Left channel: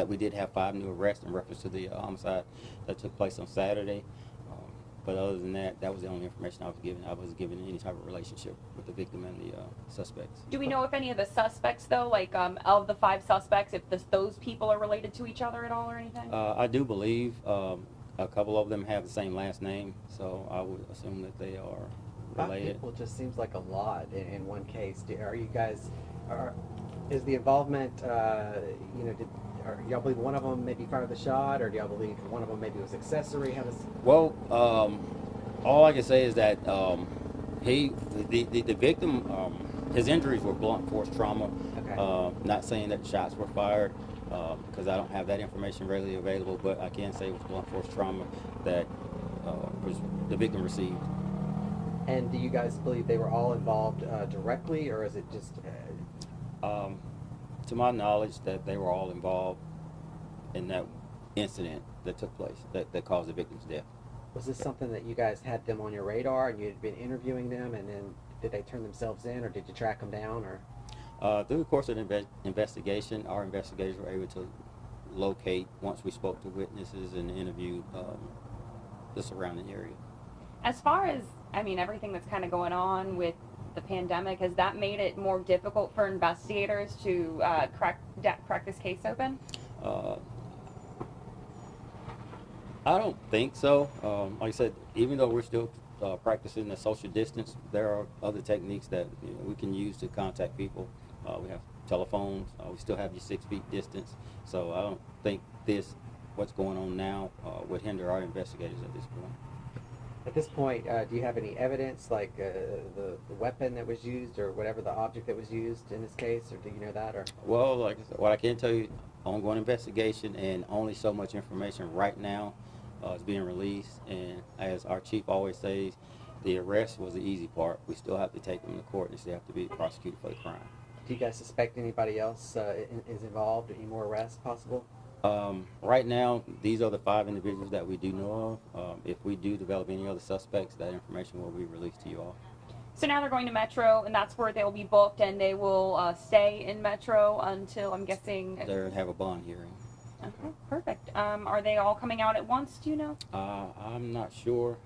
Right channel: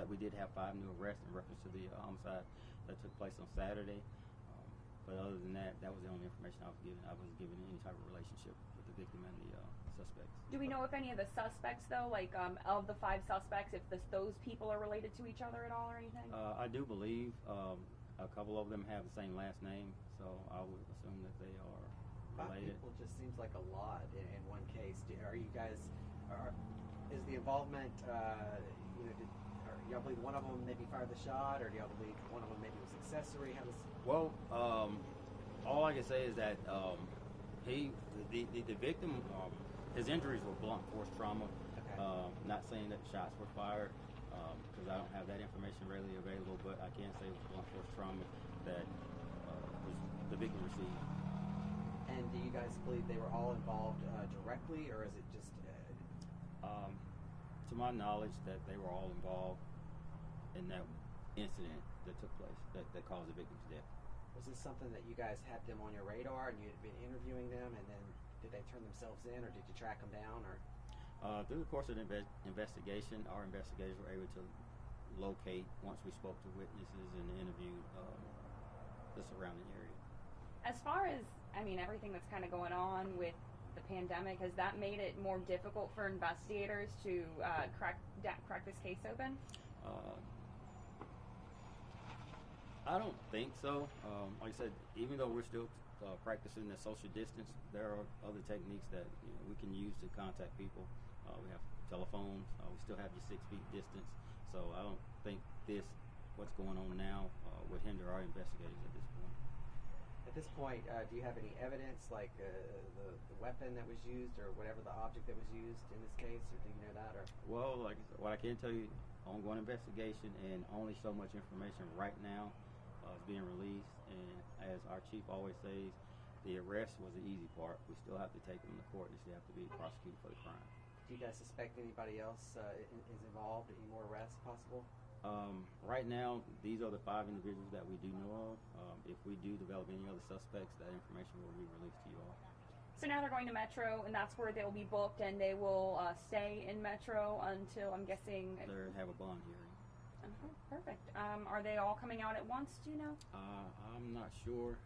that we did have 5 new arrests in reference to the homicide that took place on Saturday. But other than that, that was the only information I was given. I wasn't given any type of relationship with the victim and the suspects. Do we know if any of the suspects, though, like of the 5 suspects, if those people are related to each other at all or anything? I do believe a couple of them have the same last name, so I would assume that they are related. 5 people just seems like a lot in one case. Are you guys, is the involvement, or y'all believe one of them maybe fired the shot, or do y'all believe one of them maybe was accessory? How does? Well, all I can say is that the victim, his injuries were blunt force trauma. Okay. Not saying that shots were fired, because I don't have that information readily available, but I can say it was blunt force trauma that the victim received. And do you guys believe they were all involved directly, or is it just? To my knowledge, that they were all involved in that incident that took place that caused the victim's death. Was this something that you guys had them on your radar and you had been interviewing them, and then did they turn themselves in, or did you track them down, or? Through the course of the investigation, our investigators were able to locate, once we spoke to witnesses and interviewed the surrounding area. As far as, I mean, everything that's kind of going on with the pandemic, has that made it more difficult for investigators to crack this case open? I don't think so. Like I said, even though we're still practicing the social distance, there are other techniques that we can use to contact people. We have telephones. We still have your 6 feet distance. So I don't think what's going on now, would hinder our investigators at this point. At this point, do you have any evidence, like the weapon that was used, or whatever the object that was used in this case, or do you know that? Or? Well, like I said, what I can tell you, ongoing investigation, and only so much information right now is being released. And as our chief always says, the arrest was the easy part. We still have to take them to court and still have to be prosecuted for the crime. Do you guys suspect anybody else is involved? Any more arrests possible? Right now, these are the 5 individuals that we do know of. If we do develop any other suspects, that information will be released to you all. So now they're going to Metro, and that's where they'll be booked, and they will stay in Metro until, I'm guessing... They have a bond hearing. Okay, perfect. Are they all coming out at once, do you know? I'm not sure,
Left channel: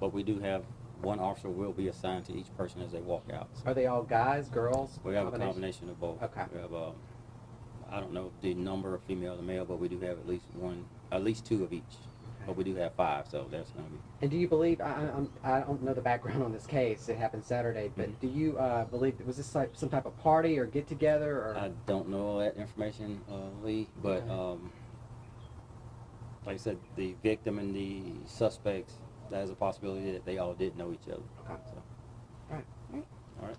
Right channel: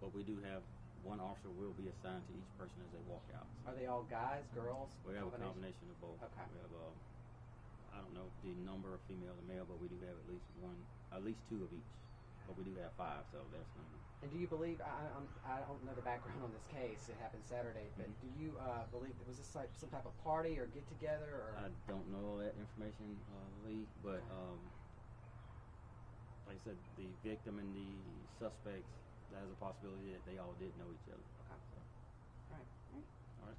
but we do have one officer will be assigned to each person as they walk out. So are they all guys, girls? we have a combination of both. Okay. We have, I don't know the number of female to male, but we do have at least 2 of each. But we do have 5, so that's going to be. And do you believe, I don't know the background on this case, it happened Saturday, but do you believe, was this like some type of party or get together? Or? I don't know that information, Lee, but like I said, the victim and the suspects, that is a possibility that they all did know each other. Okay. So. All right. All right.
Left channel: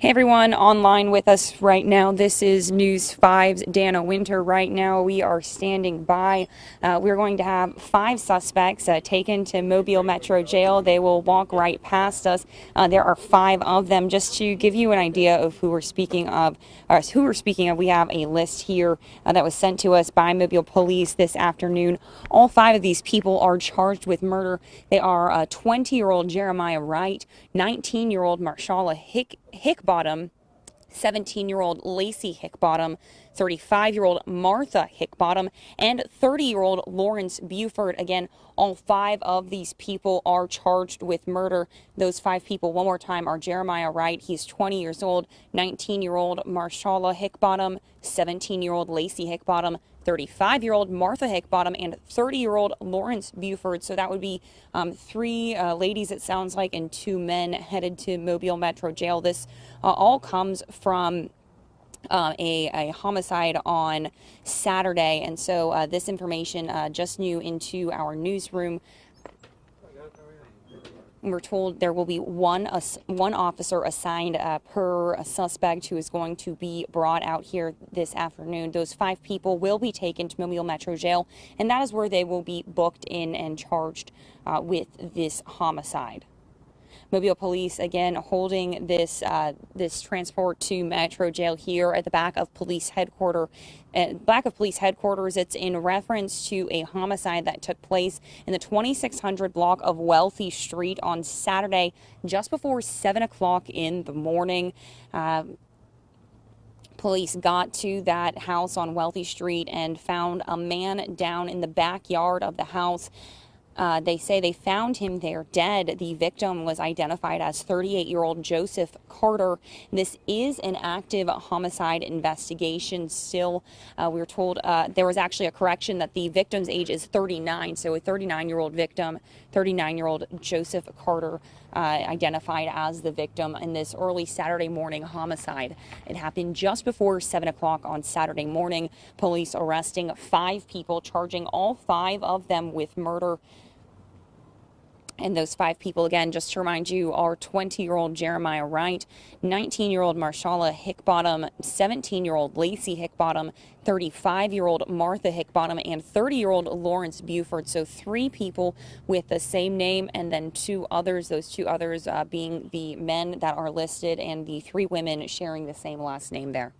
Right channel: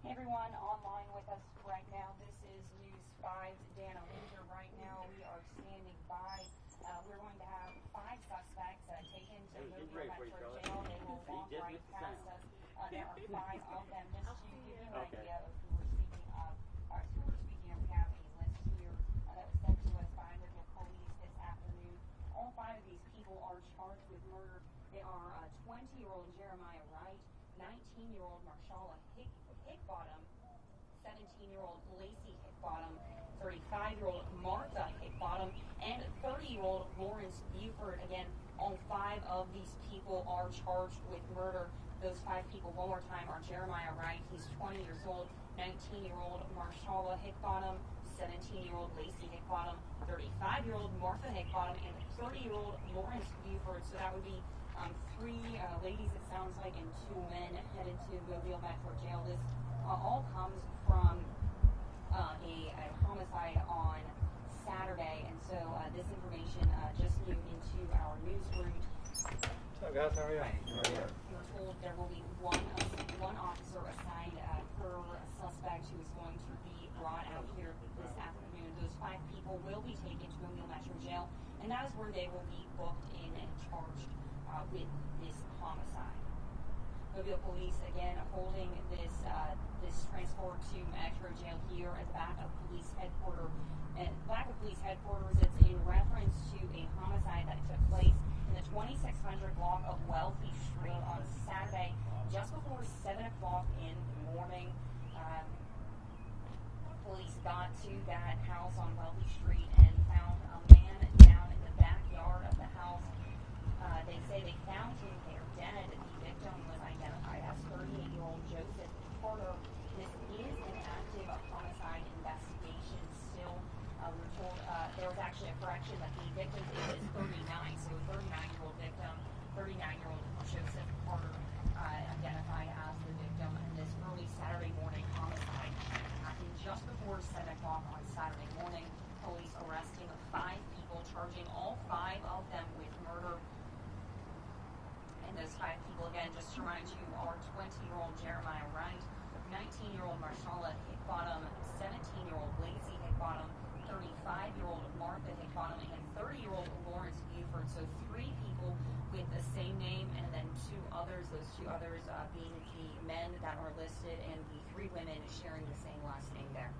Hey everyone, online with us right now. This is News 5's Dana Winter. Right now we are standing by. We're going to have 5 suspects taken to Mobile Metro Jail. They will walk right past us. There are 5 of them. Just to give you an idea of who we're speaking of, we have a list here that was sent to us by Mobile Police this afternoon. All 5 of these people are charged with murder. They are 20-year-old Jeremiah Wright, 19-year-old Marshala Hickbottom, 17-year-old Lacey Hickbottom, 35-year-old Martha Hickbottom, and 30-year-old Lawrence Buford. Again, all 5 of these people are charged with murder. Those 5 people, one more time, are Jeremiah Wright, he's 20 years old, 19-year-old Marshala Hickbottom, 17-year-old Lacey Hickbottom, 35-year-old Martha Hickbottom, and 30-year-old Lawrence Buford. So that would be 3 ladies, it sounds like, and 2 men headed to Mobile Metro Jail. This all comes from a homicide on Saturday, and so this information just new into our newsroom. Hello guys, how are you? We're told there will be one officer assigned per suspect who is going to be brought out here this afternoon. Those 5 people will be taken to Mobile Metro Jail, and that is where they will be booked in and charged with this homicide. Mobile Police, again, holding this transport to Metro Jail here at the back of police headquarters. It's in reference to a homicide that took place in the 2600 block of Wealthy Street on Saturday, just before 7 o'clock in the morning. Police got to that house on Wealthy Street and found a man down in the backyard of the house. They say they found him there dead. The victim was identified as 38-year-old Joseph Carter. This is an active homicide investigation still. We were told there was actually a correction that the victim's age is 39, so a 39-year-old victim, 39-year-old Joseph Carter, identified as the victim in this early Saturday morning homicide. It happened just before 7 o'clock on Saturday morning. Police arresting 5 people, charging all 5 of them with murder. And those 5 people, again, just to remind you, are 20-year-old Jeremiah Wright, 19-year-old Marshala Hickbottom, 17-year-old Lacey Hickbottom, 35-year-old Martha Hickbottom, and 30-year-old Lawrence Buford. So 3 people with the same name, and then 2 others, those 2 others being the men that are listed, and the 3 women sharing the same last name there.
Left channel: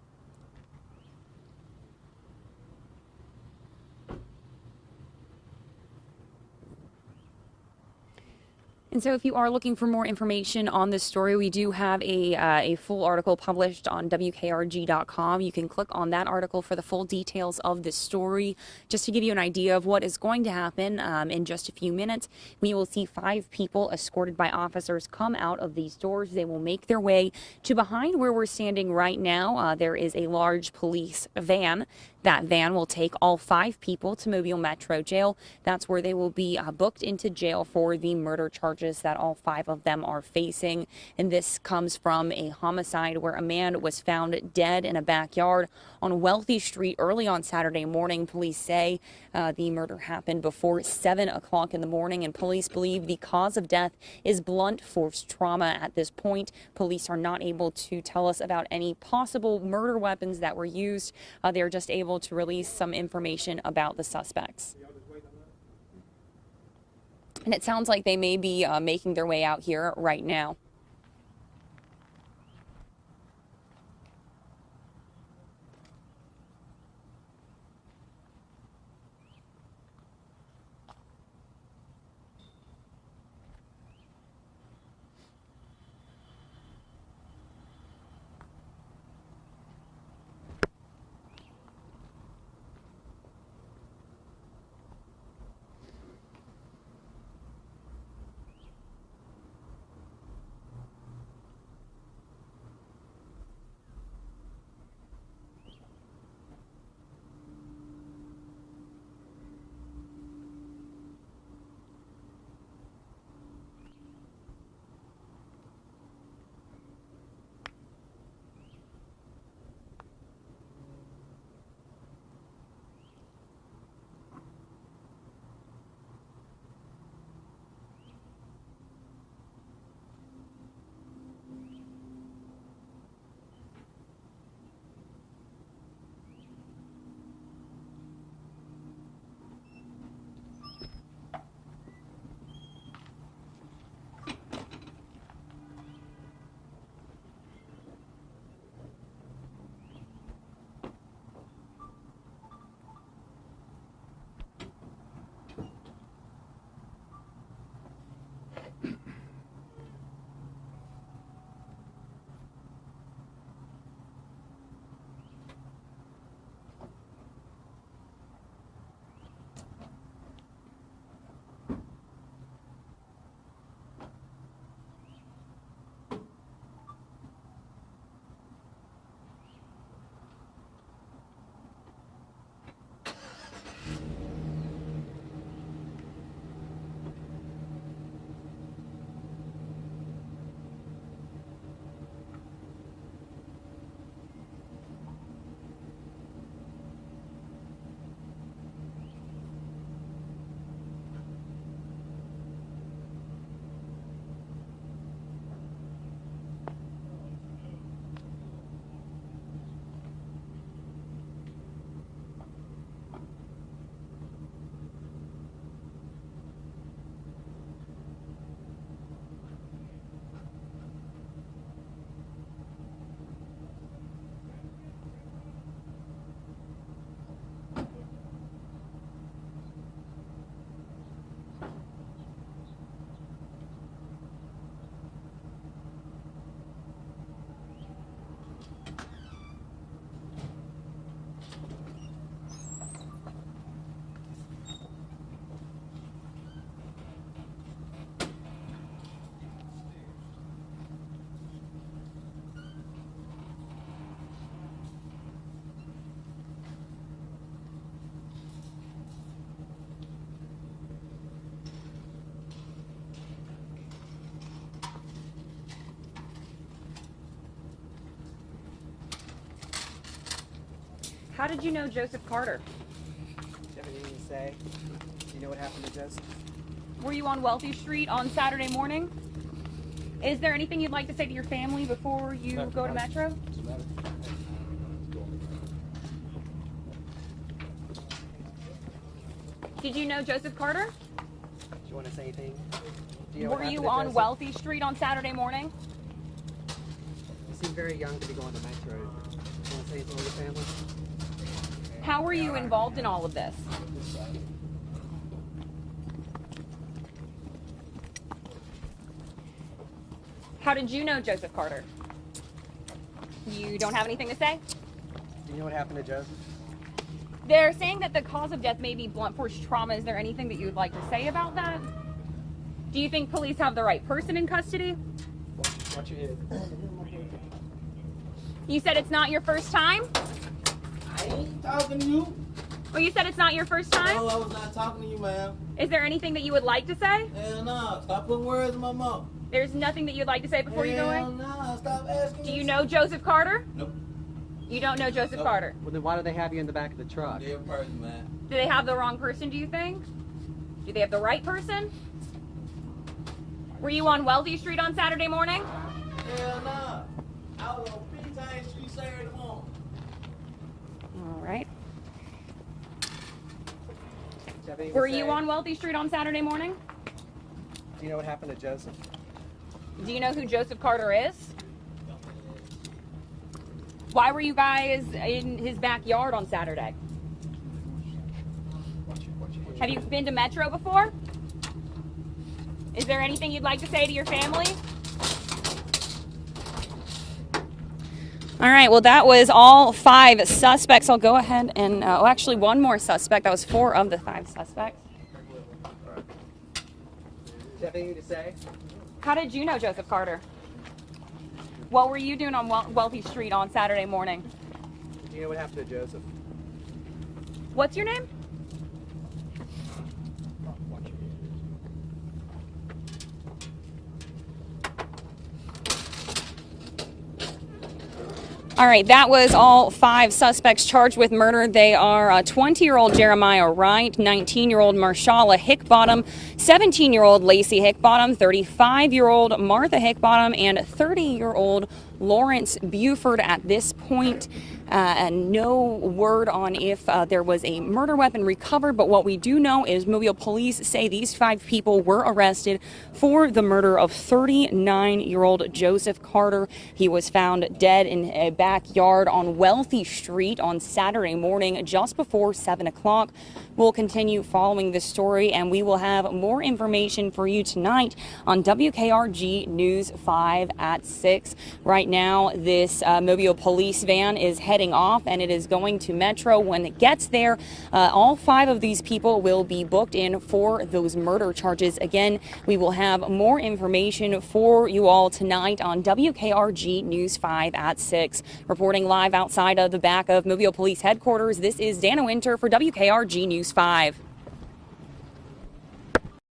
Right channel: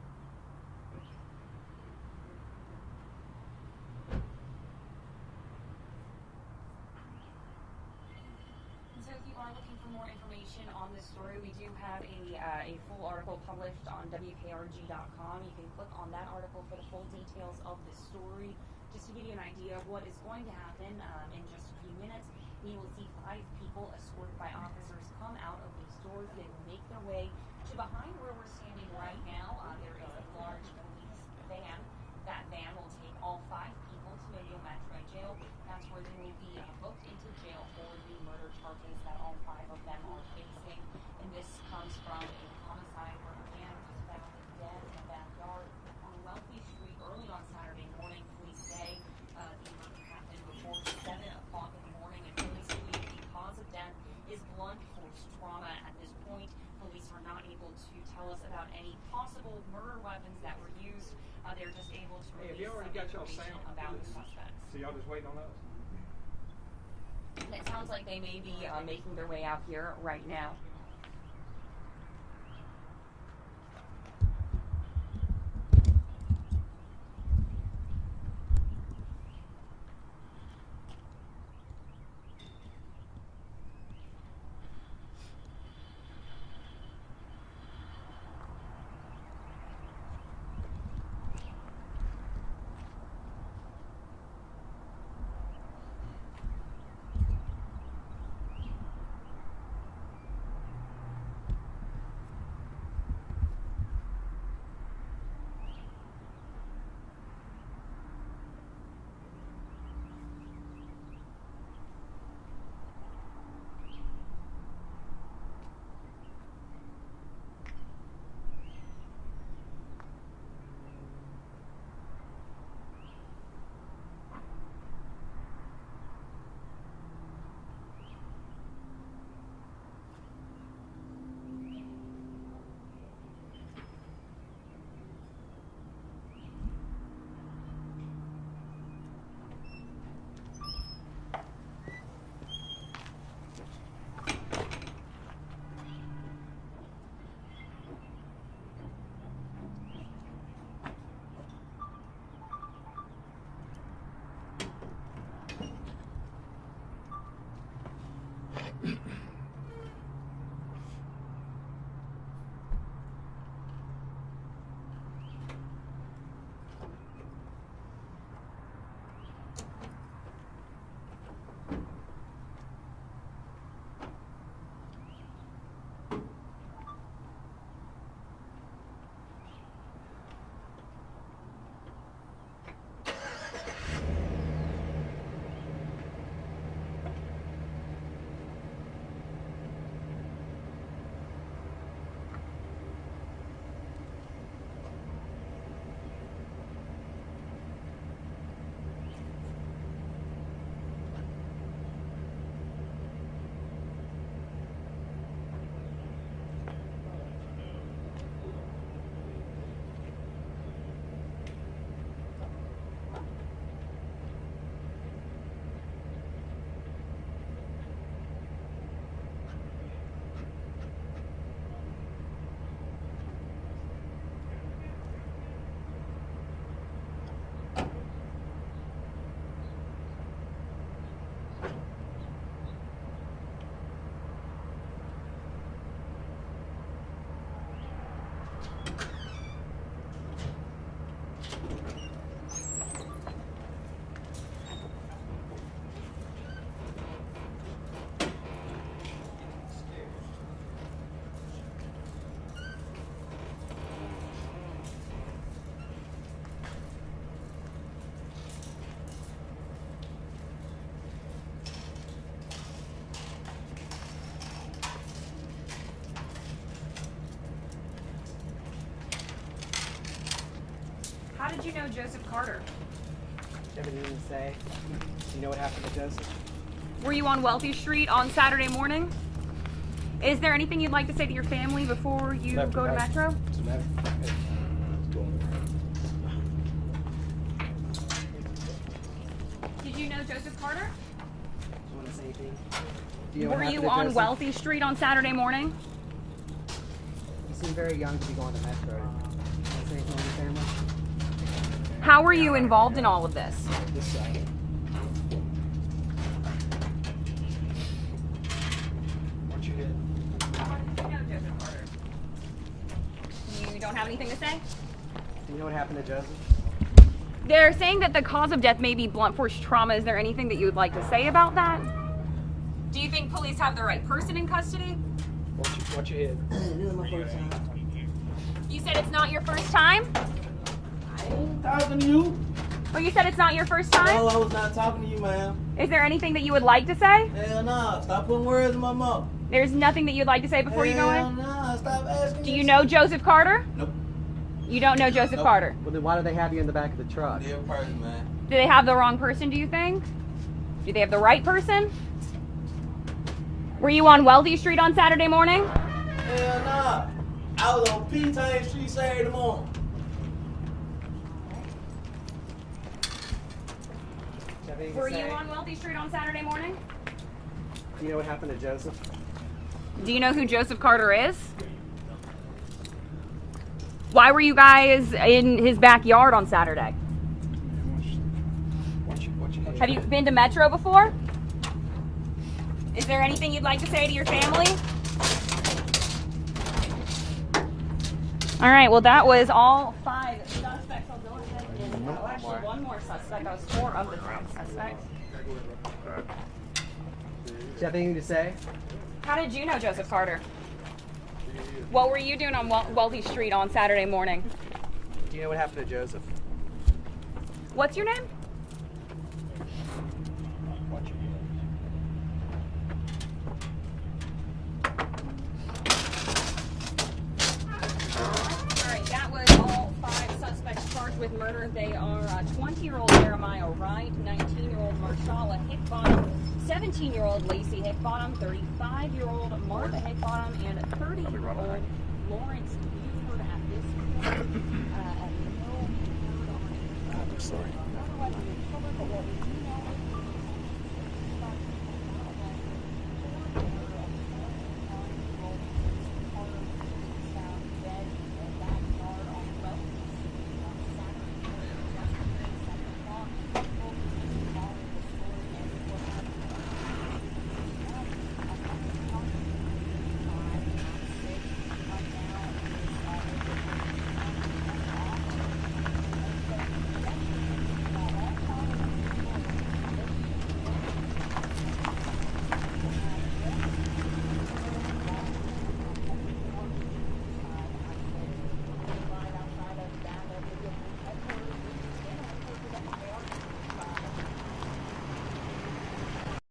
And so if you are looking for more information on this story, we do have a full article published on WKRG.com. You can click on that article for the full details of this story. Just to give you an idea of what is going to happen in just a few minutes, we will see 5 people escorted by officers come out of these doors. They will make their way to behind where we're standing right now. There is a large police van. That van will take all 5 people to Mobile Metro Jail. That's where they will be booked into jail for the murder charges that all 5 of them are facing. And this comes from a homicide where a man was found dead in a backyard on Wealthy Street early on Saturday morning. Police say the murder happened before 7 o'clock in the morning, and police believe the cause of death is blunt force trauma. At this point, police are not able to tell us about any possible murder weapons that were used. They're just able to release some information about the suspects. And it sounds like they may be making their way out here right now. How did you know Joseph Carter? Do you have anything to say? Do you know what happened to Joseph? Were you on Wealthy Street on Saturday morning? Is there anything you'd like to say to your family before you go to Metro? Did you know Joseph Carter? Do you want to say anything? Do you know what Were happened you to on Joseph? Wealthy Street on Saturday morning? You seem very young to be going to Metro. Do you want to say anything to your family? How were you involved in all of this? How did you know Joseph Carter? You don't have anything to say? Do you know what happened to Joseph? They're saying that the cause of death may be blunt force trauma. Is there anything that you would like to say about that? Do you think police have the right person in custody? Watch your head. You said it's not your first time? I ain't talking to you. Well, you said it's not your first time? No, I was not talking to you, ma'am. Is there anything that you would like to say? Hell nah. Stop putting words in my mouth. There's nothing that you'd like to say before you go Hell in? nah. Stop asking Do me you know Joseph Carter? Nope. You don't know Joseph Nope. Carter. Well, then why do they have you in the back of the truck? Dear person, man. Do they have the wrong person, do you think? Do they have the right person? Were you on Wealthy Street on Saturday morning? Hell nah. I was on P-Town Street Saturday morning. All right. Do you have anything to Were you say? on Wealthy Street on Saturday morning? Do you know what happened to Joseph? Do you know who Joseph Carter is? Why were you guys in his backyard on Saturday? Have you been to Metro before? Is there anything you'd like to say to your family? All right, well, that was all 5 suspects. I'll go ahead and, actually, one more suspect. That was 4 of the 5 suspects. Do you have anything to say? How did you know Joseph Carter? What were you doing on Wealthy Street on Saturday morning? Do you know what happened to Joseph? What's your name? All right, that was all 5 suspects charged with murder. They are 20-year-old Jeremiah Wright, 19-year-old Marshala Hickbottom, 17-year-old Lacey Hickbottom, 35-year-old Martha Hickbottom, and 30-year-old Lawrence Buford. At this point, no word on if there was a murder weapon recovered, but what we do know is Mobile police say these 5 people were arrested for the murder of 39-year-old Joseph Carter. He was found dead in a backyard on Wealthy Street on Saturday morning just before 7 o'clock. We'll continue following this story, and we will have more information for you tonight on WKRG News 5 at 6. Right now, this Mobile police van is heading off, and it is going to Metro. When it gets there, all 5 of these people will be booked in for those murder charges. Again, we will have more information for you all tonight on WKRG News 5 at 6. Reporting live outside of the back of Mobile Police Headquarters, this is Dana Winter for WKRG News 5.